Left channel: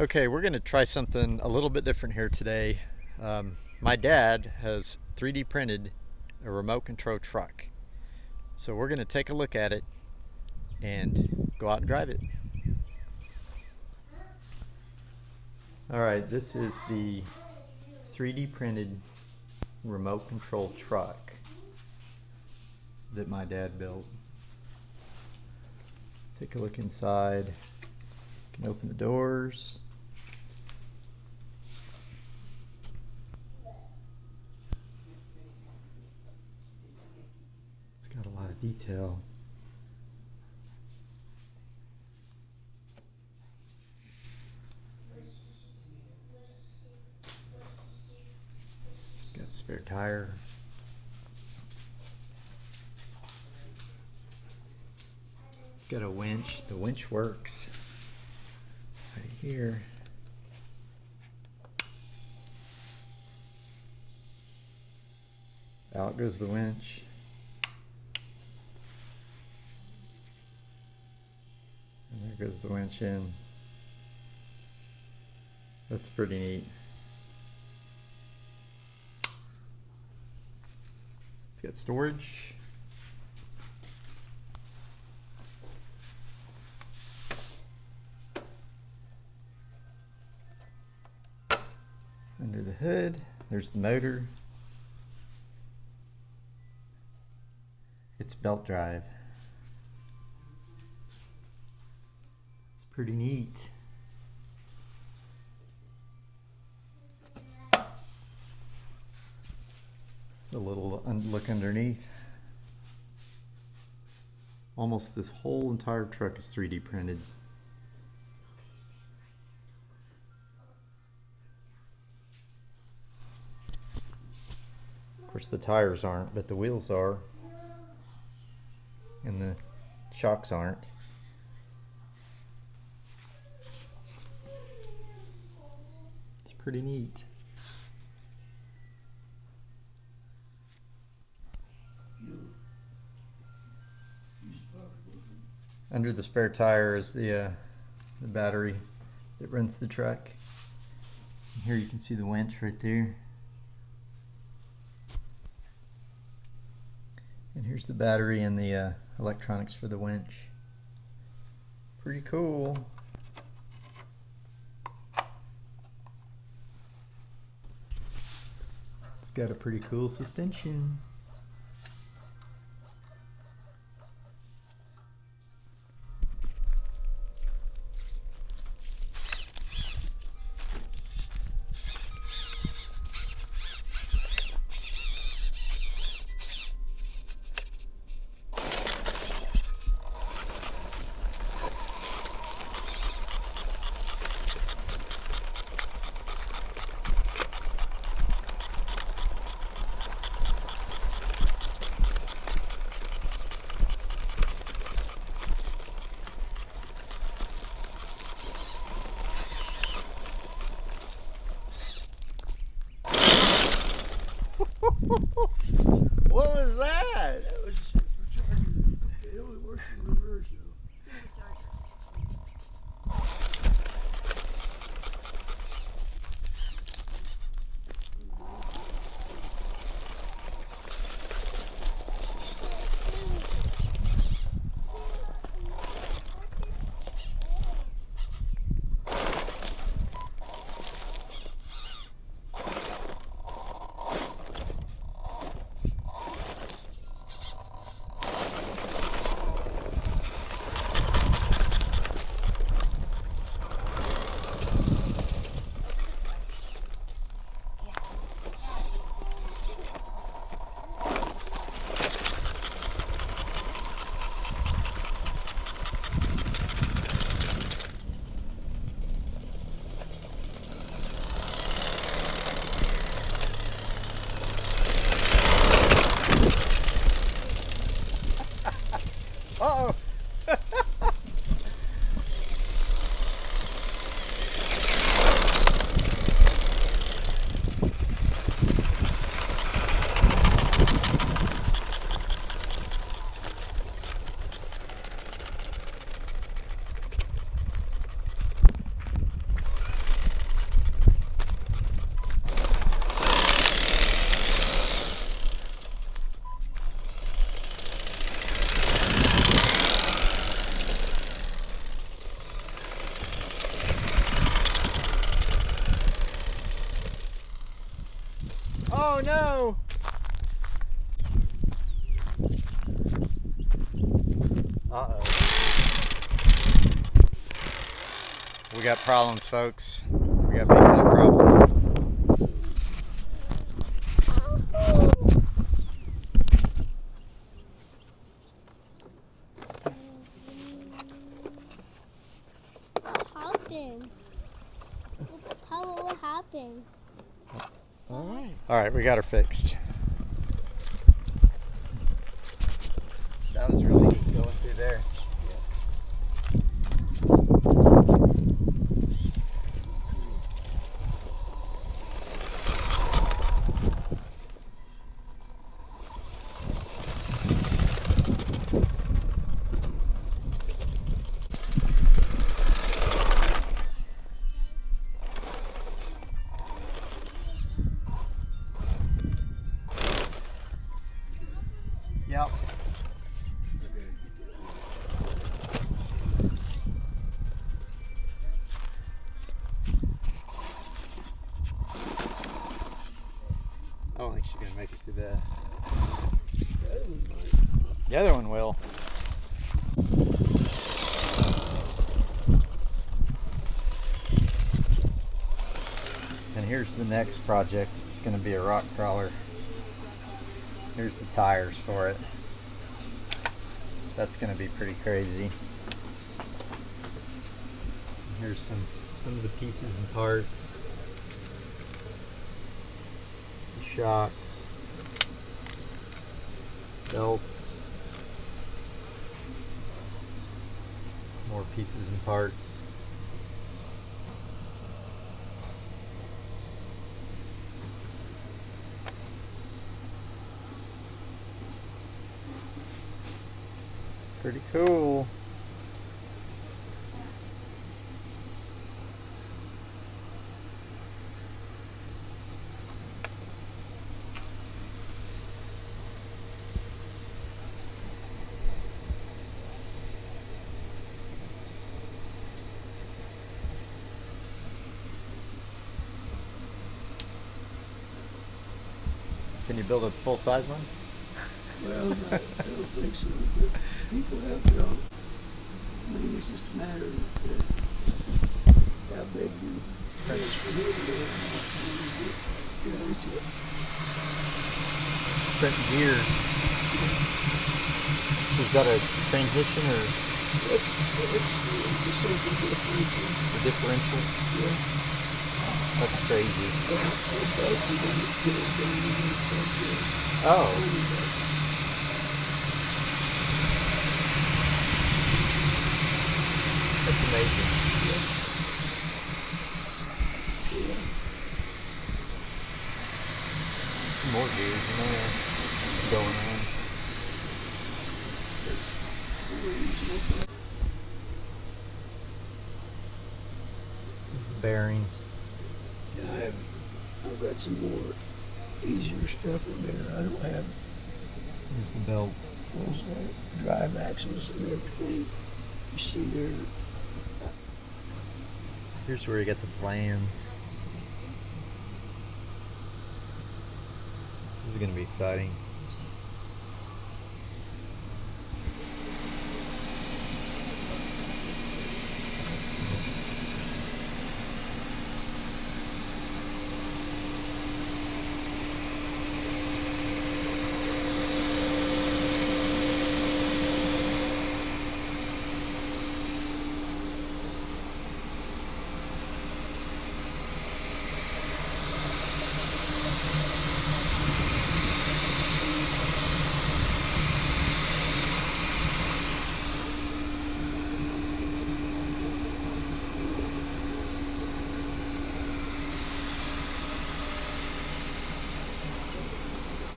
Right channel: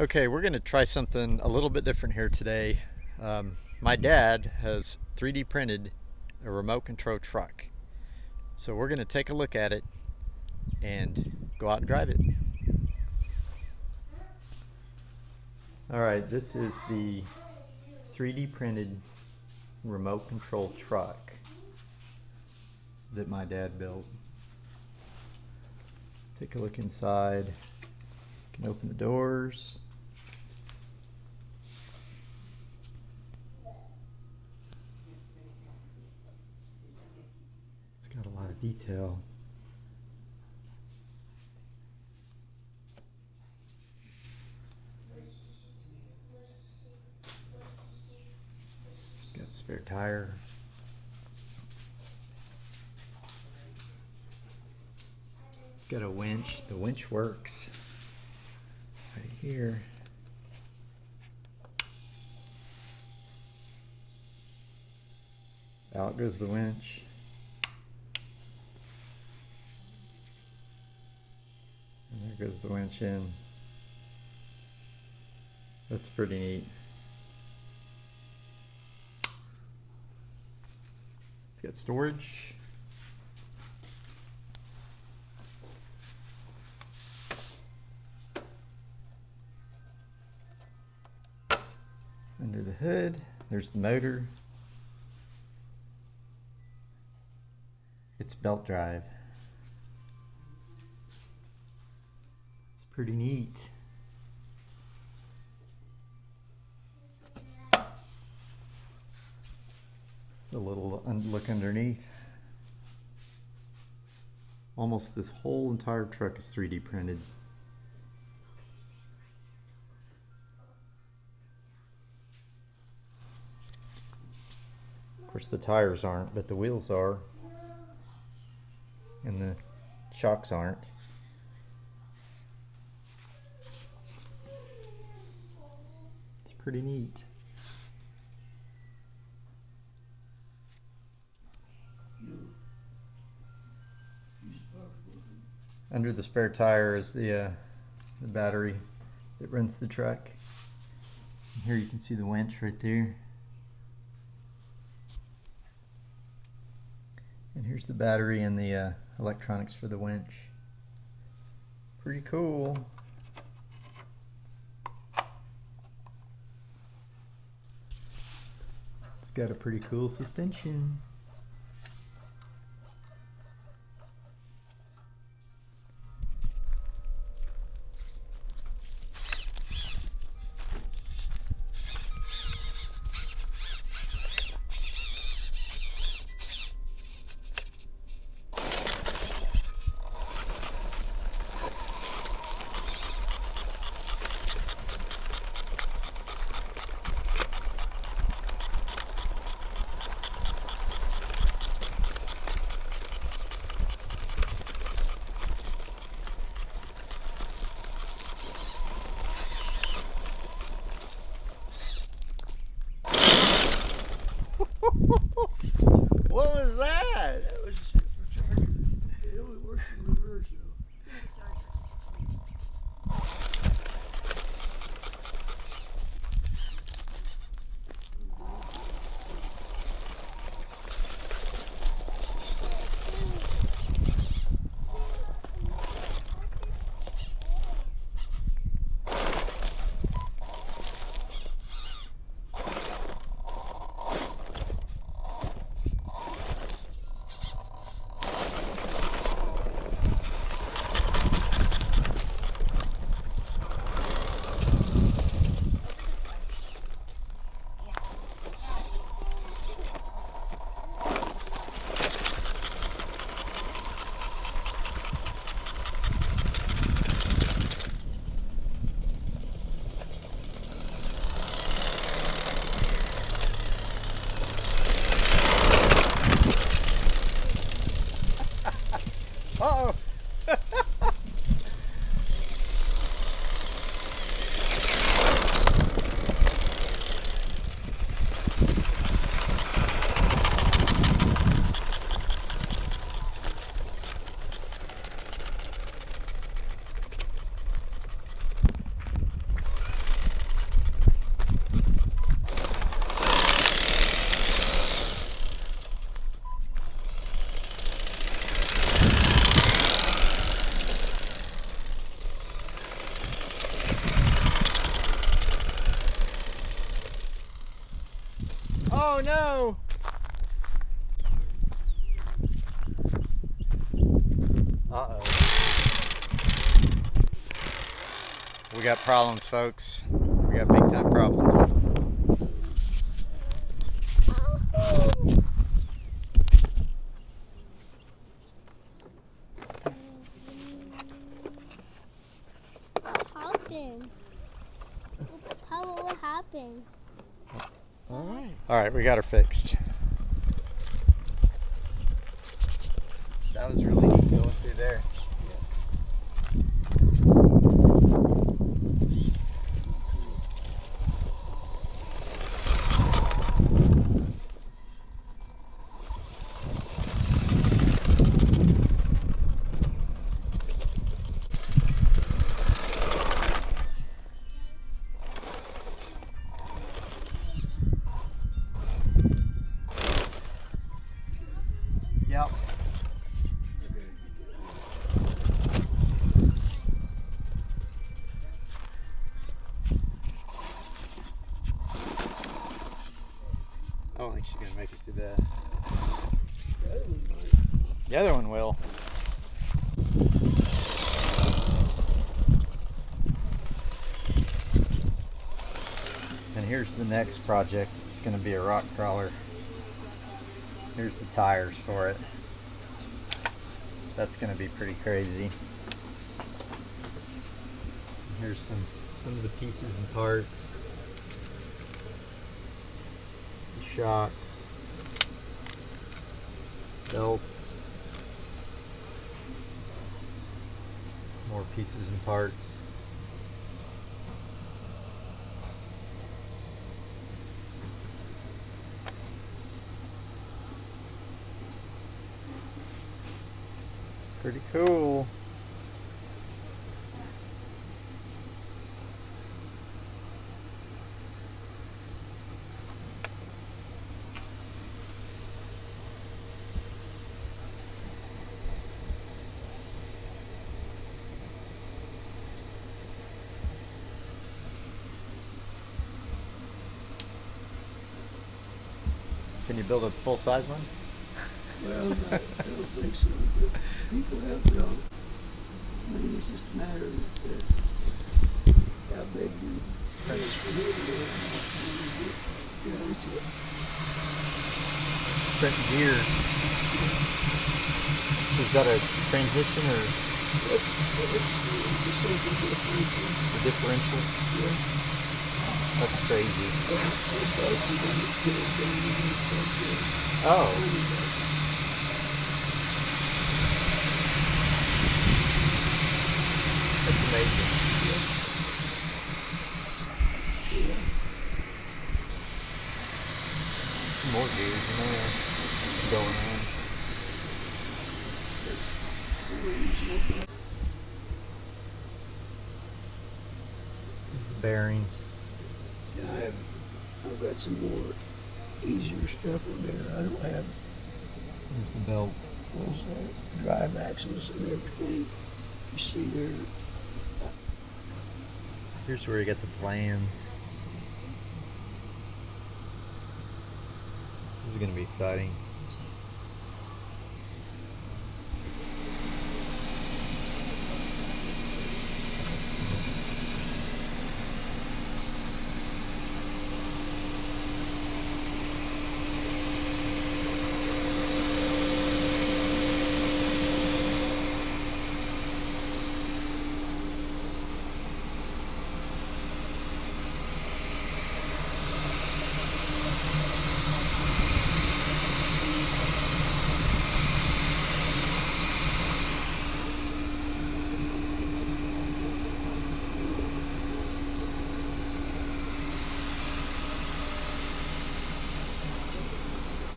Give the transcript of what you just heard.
Okay, we're going to try something a little bit different here today. My dad has 3D printed a remote control truck. So we're going to take a look at it and go out and drive it. All right, this is the 3D printed remote control truck that my dad built. Take a look inside. You can open the doors. It's got a lot of detail. Got a spare tire. Got a winch. The winch works right here. Out goes the winch. And there goes the winch in. That's pretty neat. It's got storage. Under the hood, there's the motor. It's belt drive. It's pretty neat. It's a little look underneath. Almost this whole entire truck is 3D printed. Of course the tires aren't, but the wheels are. And the shocks aren't. It's pretty neat. Under the spare tire is the battery that runs the truck. And here you can see the winch right there. And here's the battery and the electronics for the winch. Pretty cool. It's got a pretty cool suspension. Oh no! Uh-oh. We got problems, folks. We got big time problems. What happened? All right, we got her fixed. That was really neat going through there. Yep. I don't think she's gonna make it through that. The other one will. And here's the next project. It's gonna be a rock crawler. Here's the tires for it. That's gonna be pretty crazy. Here's some of the pieces and parts. The shocks, belts, more pieces and parts. Pretty cool. Can you build a full-size one? Well, I don't think so, but people have built. I mean, it's just a matter of how big you press for it. Yeah, it's it. Print gears. Is that a transmission or a differential? Yeah. That's crazy. Oh. That's amazing. Some more gears in there going on. These are the bearings. Yeah, I've got some more easier stuff in there. I don't have Here's the belts. those drive axles and everything. You see there. Here's where you get the plans. This is going to be exciting.